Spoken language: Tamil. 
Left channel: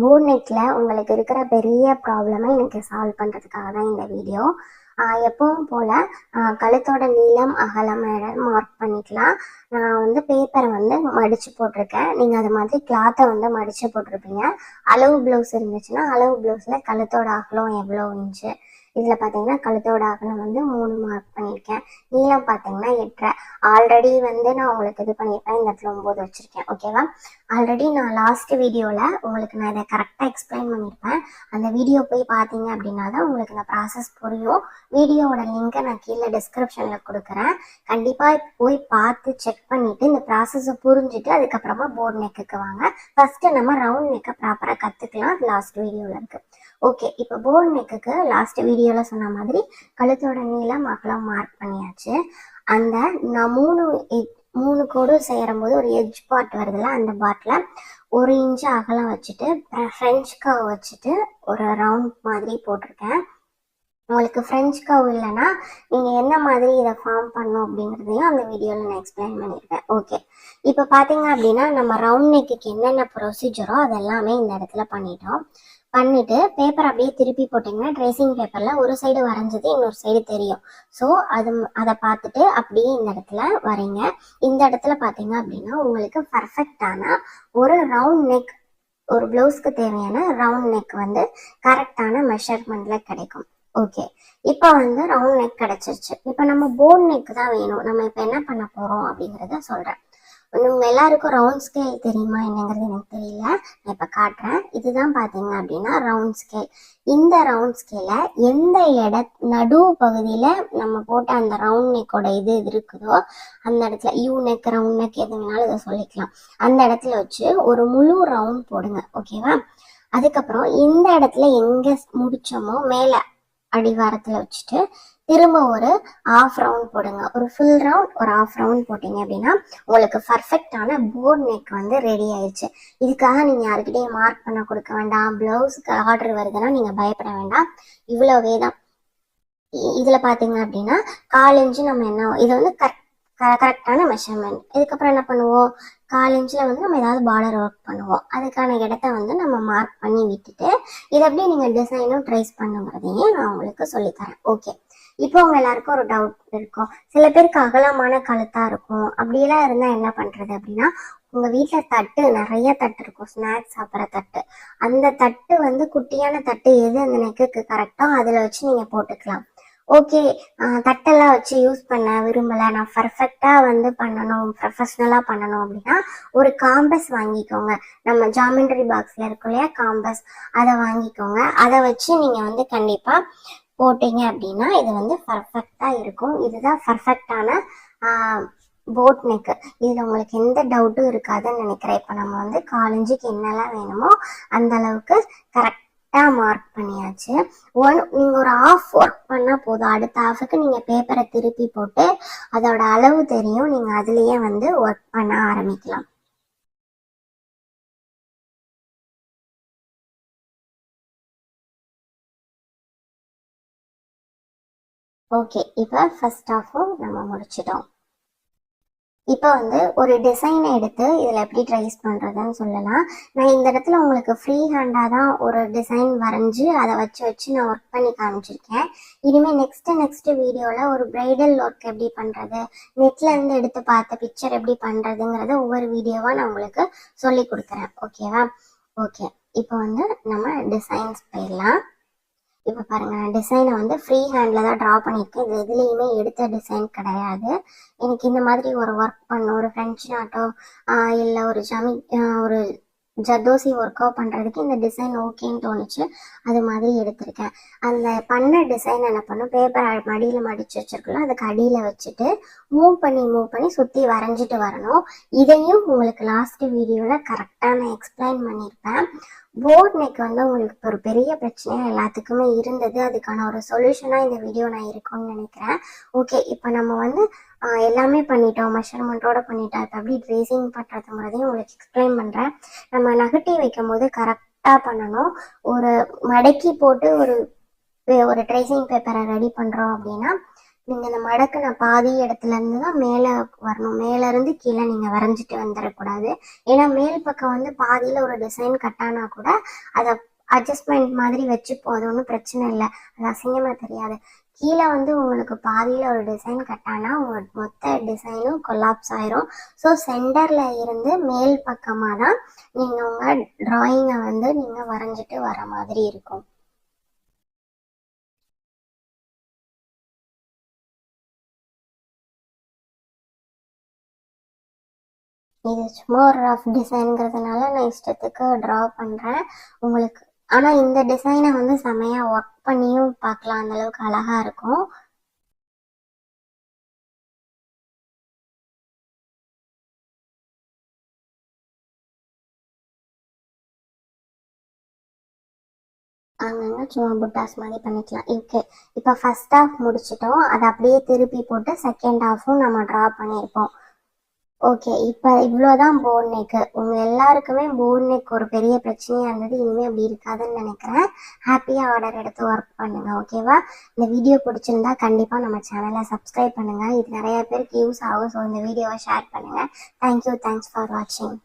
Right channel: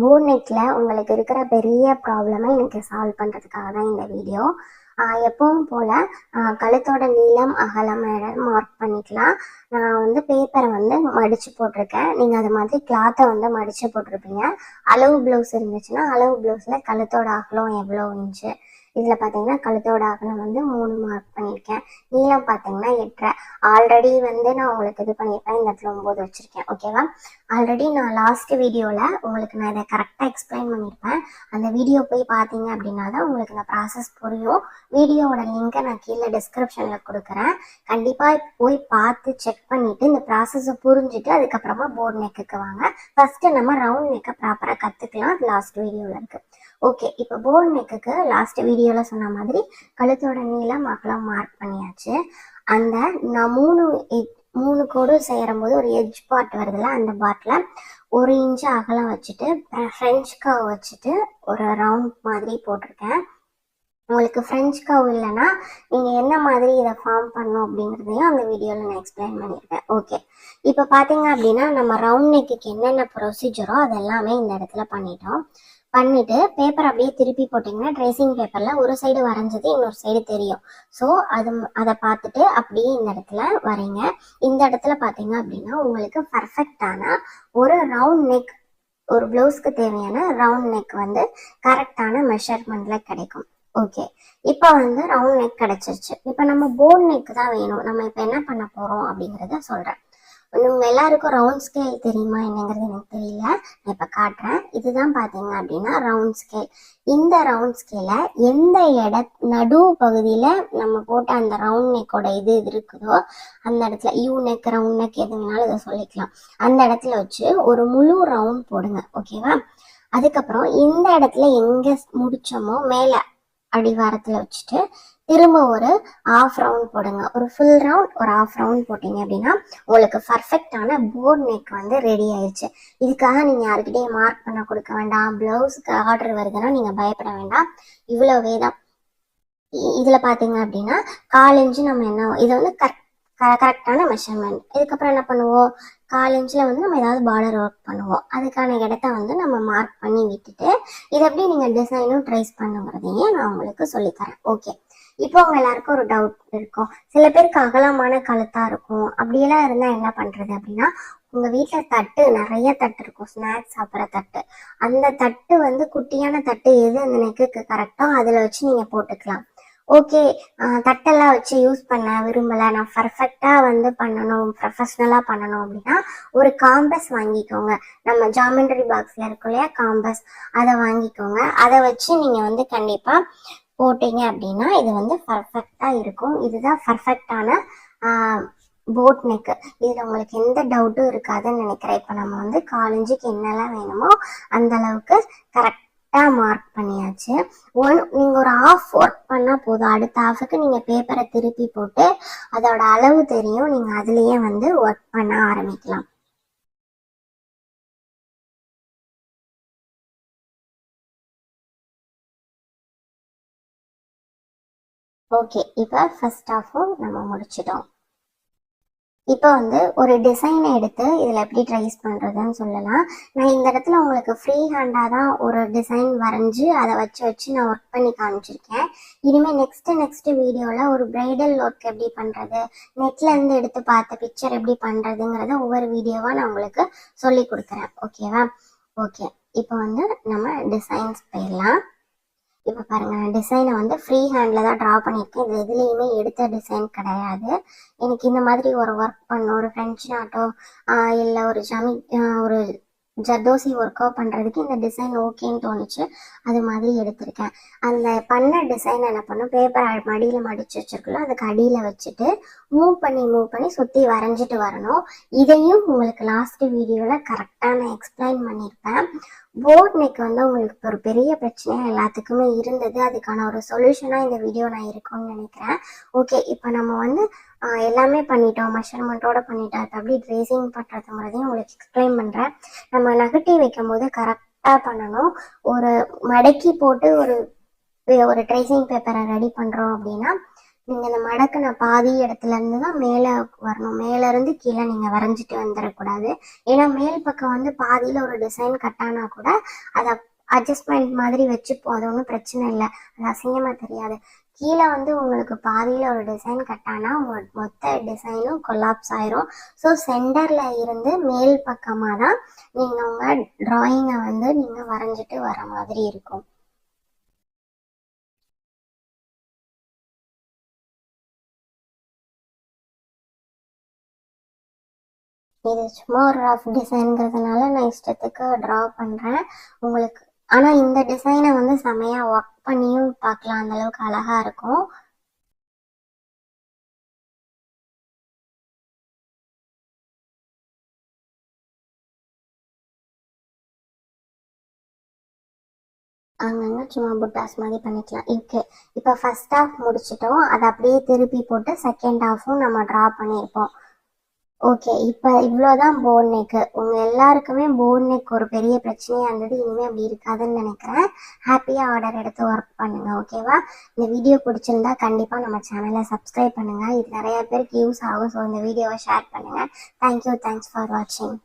போன் நெக்கில் உங்களுக்கு இருக்கிற பெரிய ப்ராப்ளமை எனக்கு சால்வ் பண்ணுறதுக்காக தான் இந்த வீடியோ எப்பவும் போல் கழுத்தோட நீளம் அகலம் மார்க் பண்ணிக்கலாம். நான் வந்து பேப்பரை வந்து மடித்து போட்டிருக்கேன். நீங்கள் அது மாதிரி கிளாத்தை வந்து மடித்து போட்டிருப்பீங்க. அளவு ப்ளவுஸ் இருந்துச்சுன்னா அளவு ப்ளவுஸில் கழுத்தோட அகலம் எவ்வளோ இன்ச்சு இதில் பார்த்தீங்கன்னா கழுத்தோட அகலம் வந்து மூணு மார்க் பண்ணியிருக்கேன். நீளம் பார்த்தீங்கன்னா எட்டரை. ஆல்ரெடி வந்து நான் உங்களுக்கு இது பண்ணியிருப்பேன். இந்த இடத்துல ஒம்பது வச்சுருக்கேன். ஓகேவா ஆல்ரெடி நான் லாஸ்ட் வீடியோவில் உங்களுக்கு நான் இதை கரெக்டாக எக்ஸ்பிளைன் பண்ணியிருப்பேன். அந்த வீடியோ போய் பார்த்தீங்க அப்படின்னா தான் உங்களுக்கு இந்த ப்ராசஸ் புரியும். வீடியோவோட லிங்கை நான் கீழே டிஸ்கிரிப்ஷனில் கொடுக்குறேன். கண்டிப்பாக போய் பார்த்து செக் பண்ணிவிட்டு இந்த ப்ராசஸை புரிஞ்சுட்டு அதுக்கப்புறமா போர்ட் நெக்குக்கு வாங்க. ஃபஸ்ட்டு நம்ம ரவுண்ட் நெக்கை ப்ராப்பராக கற்றுக்கலாம் லாஸ்ட் வீடியோவில் இருக்குது ஓகே இப்போ போர்ட் நெக்குக்கு லாஸ்ட் வீடியோவில் சொன்ன மாதிரி கழுத்தோட நீளம் அகலம் மார்க் பண்ணியாச்சு. அந்த நான் மூணு மூணு கோடு செய்கிறம்போது ஒரு எஜ் பார்ட் வருதுல்ல அந்த பார்ட்டில் ஒரு இன்ச்சு அகலம் வச்சுட்டு ஃப்ரெஞ்ச் கவ் வச்சுட்டு ஒரு ரவுண்ட் மாதிரி போட்டிருக்கேன். உங்களுக்கு ஃப்ரெஞ்ச் கவ் இல்லைன்னா நீங்கள் என்ன மாதிரி இதை ஃபார்ம் பண்ணும் அப்படிங்கிறதையும் அந்த வீடியோவில் நான் எக்ஸ்பிளைன் பண்ணியிருக்கேன். ஓகே இப்போ பார்த்தீங்க அப்படின்னா நம்ம ரவுண்ட் நெக்குக்கு என்னென்ன ப்ரொசீஜரோ அது எல்லாமே இந்த இடத்துல பண்ணிட்டோம். பண்ணிட்டு பேப்பர் அப்படியே திருப்பி போட்டிங்கன்னா ட்ரேசிங் பேப்பரில் ஒரு சைடு வரைஞ்சது இன்னொரு சைடு தெரியும். ஸோ அது அதை பார்த்துட்டு அப்படியே இந்த இடத்துல வரைங்க இந்த இடத்துல பார்த்தீங்க அப்படின்னா உங்களுக்கு பர்ஃபெக்டான ஒரு ரவுண்ட் நெக் ஒரு ப்ளவுஸ்க்கு தேவையான ரவுண்ட் நெக் வந்து கரெக்டான மெஷர்மெண்ட்டில் கிடைக்கும். ஓகே இப்போ வந்து ரவுண்ட் நெக் கிடைச்சிருச்சு. இப்போ நம்ம போன் நெக் தான் வேணும். நம்ம இப்போ என்ன பண்ண போகிறோம் அப்படிங்கிறத சொல்கிறேன் உங்க எல்லாருக்கும் ரவுண்ட் ஸ்கேல் தெரியுமா என்னங்கிறது எனக்கு தெரியல. நான் இப்போ காட்டுறேன். இதுதான் பார்த்தீங்க அப்படின்னா ரவுண்ட் ஸ்கேல் இந்த ரவுண்ட் ஸ்கேலை எந்த இட நடு பகுதியில் நம்ம போட்ட அந்த ரவுண்ட் நெக்கோட இது இது இருக்குதோ அந்த இடத்துல யூ நெக் ரவுண்ட் நெக் எது வேணாலும் இதை சொல்லிக்கலாம். அந்த இடத்துல வச்சு ஒரு முழு ரவுண்ட் போடுங்க ஓகேவா அதுக்கப்புறம் இந்த இடத்துல எங்கே முடிச்சோமோ மேலே அடிவாரத்தில் வச்சுட்டு திரும்ப ஒரு ஆஃப் ரவுண்ட் போடுங்க. ஒரு ஃபுல் ரவுண்ட் ஒரு ஆஃப் ரவுண்ட் போட்டீங்க அப்படின்னா உங்களுக்கு பர்ஃபெக்டான போர்ட் நெக் வந்து ரெடி ஆயிடுச்சு இதுக்காக நீங்கள் யாருக்கிட்டையும் மார்க் பண்ண கொடுக்க வேண்டாம். ப்ளவுஸுக்கு ஆர்டர் வருதுன்னா நீங்கள் பயப்பட வேண்டாம். இவ்வளோவே தான். இதில் இதுல பாத்தீங்க அப்படின்னா கால் இன்ச்சு நம்ம என்ன இது வந்து கரெக்ட் கரெக்டான மெஷர்மெண்ட் இதுக்கப்புறம் என்ன பண்ணுவோம்? கால் இன்ச்சில் வந்து நம்ம ஏதாவது பார்டர் ஒர்க் பண்ணுவோம். அதுக்கான இடத்த வந்து நம்ம மார்க் பண்ணி விட்டுட்டு இதை அப்படியே நீங்கள் டிசைனும் ட்ரேஸ் பண்ணுங்கிறதையும் நான் உங்களுக்கு சொல்லித்தரேன் ஓகே இப்போ அவங்க எல்லாருக்கும் ஒரு டவுட் இருக்கும். சில பேருக்கு அகலமான கழுத்தா இருக்கும். அப்படியெல்லாம் இருந்தால் என்ன பண்ணுறது அப்படின்னா உங்க வீட்டில் தட்டு நிறைய தட்டு இருக்கும். ஸ்நாக்ஸ் சாப்பிட்ற தட்டு. அந்த தட்டு வந்து குட்டியான தட்டு எது அந்த நெக்குக்கு கரெக்டோ அதில் வச்சு நீங்கள் போட்டுக்கலாம். ஓகே தட்டெல்லாம் வச்சு யூஸ் பண்ண விரும்பலை. நான் பர்ஃபெக்டாக வந்து பண்ணணும் ப்ரொஃபஷ்னலாக பண்ணணும் அப்படின்னா ஒரு காம்பஸ் வாங்கிக்கோங்க. நம்ம ஜாமெண்ட்ரி பாக்ஸில் இருக்கும் இல்லையா காம்பஸ் அதை வாங்கிக்கோங்க. அதை வச்சு நீங்கள் வந்து கண்டிப்பாக போட்டீங்க அப்படின்னா இது வந்து பர்ஃபெக்டாக இருக்கும். இதுதான் பர்ஃபெக்டான போட் நெக்கு இதில் உங்களுக்கு எந்த டவுட்டும் இருக்காதுன்னு நினைக்கிறேன். இப்போ நம்ம வந்து காலேஜுக்கு என்னெல்லாம் வேணுமோ அந்த அளவுக்கு கரெக்டாக மார்க் பண்ணியாச்சு. ஒன் நீங்கள் ஒரு ஆஃப் ஒர்க் பண்ணால் போதும். அடுத்த ஆஃபுக்கு நீங்கள் பேப்பரை திருப்பி போட்டு அதோட அளவு தெரியும். நீங்கள் அதுலேயே வந்து ஒர்க் பண்ண ஆரம்பிக்கலாம். ஓகே இப்போ ஃபர்ஸ்ட் ஆஃபும் நம்ம முடிச்சிட்டோம். இப்போ வந்து ஒரு டிசைனை எடுத்து இதில் எப்படி ட்ரைஸ் பண்ணுறதுன்னு சொல்லலாம். நான் இந்த இடத்துல உங்களுக்கு ஃப்ரீ ஹேண்டாக தான் ஒரு டிசைன் வரைஞ்சி அதை வச்சு வச்சு நான் ஒர்க் பண்ணி காமிச்சிருக்கேன். இனிமேல் நெக்ஸ்ட்டு நெக்ஸ்ட்டு வீடியோவில் ஒரு பிரைடல் ஒர்க் எப்படி பண்ணுறது நெட்லேருந்து எடுத்து பார்த்த பிக்சர் எப்படி பண்ணுறதுங்கிறத ஒவ்வொரு வீடியோவாக நான் உங்களுக்கு சொல்லி கொடுக்குறேன். ஓகேவா ஓகே இப்போ வந்து நம்ம டிசைன்ஸ் போயிடலாம். இப்போ பாருங்க டிசைனை வந்து ஃப்ரீ ஹேண்டில் தான் ட்ரா பண்ணியிருக்கேன். இது எதுலேயுமே எடுத்த டிசைன் கிடையாது. எனக்கு இந்த மாதிரி ஒரு ஒர்க் பண்ண ஒரு ஃப்ரெஞ்ச் நாட்டோ இல்லை ஒரு ஜமி ஒரு ஜர்தோசி ஒர்க் அவுட் பண்ணுறதுக்கு இந்த டிசைன் ஓகேன்னு தோணுச்சு. அது மாதிரி எடுத்திருக்கேன். அந்த பண்ண டிசைன் என்ன பண்ணும்? பேப்பர் மடியில் மடித்து வச்சிருக்கல அதுக்கு அடியில் வச்சுட்டு மூவ் பண்ணி மூவ் பண்ணி சுற்றி வரைஞ்சிட்டு வரணும். இதையும் உங்களுக்கு லாஸ்ட் வீடியோவில் கரெக்டாக நான் எக்ஸ்பிளைன் பண்ணியிருப்பேன். போர்ட் நெக் வந்து உங்களுக்கு ஒரு பெரிய பிரச்சனையாக எல்லாத்துக்குமே இருந்தது. அதுக்கான ஒரு சொல்யூஷனாக இந்த வீடியோ நான் இருக்கும்னு நினைக்கிறேன். ஓகே இப்போ நம்ம வந்து எல்லாமே பண்ணிட்டோம். மெஷர்மெண்ட்டோட பண்ணிட்டோம். இப்போ அப்படி ட்ரேசிங் பண்ணுறதுங்கிறதையும் உங்களுக்கு எக்ஸ்பிளைன் பண்ணுறேன் நம்ம நகட்டி வைக்கும் போது கரெக்டாக பண்ணணும். ஒரு மடக்கி போட்டு ஒரு ஒரு ட்ரேசிங் பேப்பரை ரெடி பண்ணுறோம் அப்படின்னா நீங்கள் இந்த மடக்கின பாதி இடத்துல இருந்து தான் மேலே வரணும். மேலேருந்து கீழே நீங்கள் வரைஞ்சிட்டு வந்துடக்கூடாது. ஏன்னா மேல் பக்கம் வந்து பாதியில் ஒரு டிசைன் கட்டானா கூட அதை அட்ஜஸ்ட்மெண்ட் மாதிரி வச்சுப்போம். அது ஒன்றும் பிரச்சனை இல்லை. அது அசிங்கமாக தெரியாது. கீழே வந்து உங்களுக்கு பாதியில் ஒரு டிசைன் கட்டானா உங்கள் மொத்த டிசைனும் கொலாப்ஸ் ஆயிரும். ஸோ சென்டரில் இருந்து மேல் பக்கமாக தான் நீங்கள் உங்கள் ட்ராயிங்கை வந்து நீங்கள் வரைஞ்சிட்டு வர மாதிரி இருக்கும். இது சும்மா ஒரு ரஃப் டிசைனுங்கிறதுனால நான் இஷ்டத்துக்கு ட்ரா பண்ணுறேன் உங்களுக்கு ஆனால் இந்த டிசைனை வந்து செமையாக ஒர்க் பண்ணியும் பார்க்கலாம். அந்த அளவுக்கு அழகாக இருக்கும். அங்கங்கே சும்மா புட்டாஸ் மாதிரி பண்ணிக்கலாம். ஓகே இப்போ ஃபர்ஸ்ட் ஹாஃப் முடிச்சிட்டோம். அதை அப்படியே திருப்பி போட்டு செகண்ட் ஹாஃபும் நம்ம ட்ரா பண்ணியிருப்போம். ஓகே இப்போ இவ்வளோதான் போன் நெக் உங்கள் எல்லாருக்குமே போன் நெக் ஒரு பெரிய பிரச்சனையாக இருந்தது. இனிமேல் அப்படி இருக்காதுன்னு நினைக்கிறேன். ஹாப்பியாக ஆர்டர் எடுத்து ஒர்க் பண்ணுங்கள் ஓகேவா இந்த வீடியோ பிடிச்சிருந்தா கண்டிப்பாக நம்ம சேனலை சப்ஸ்கிரைப் பண்ணுங்கள் இது நிறைய பேருக்கு யூஸ் ஆகும் ஸோ இந்த வீடியோவை ஷேர் பண்ணுங்கள் தேங்க்யூ தேங்க்ஸ் ஃபார் வாட்சிங்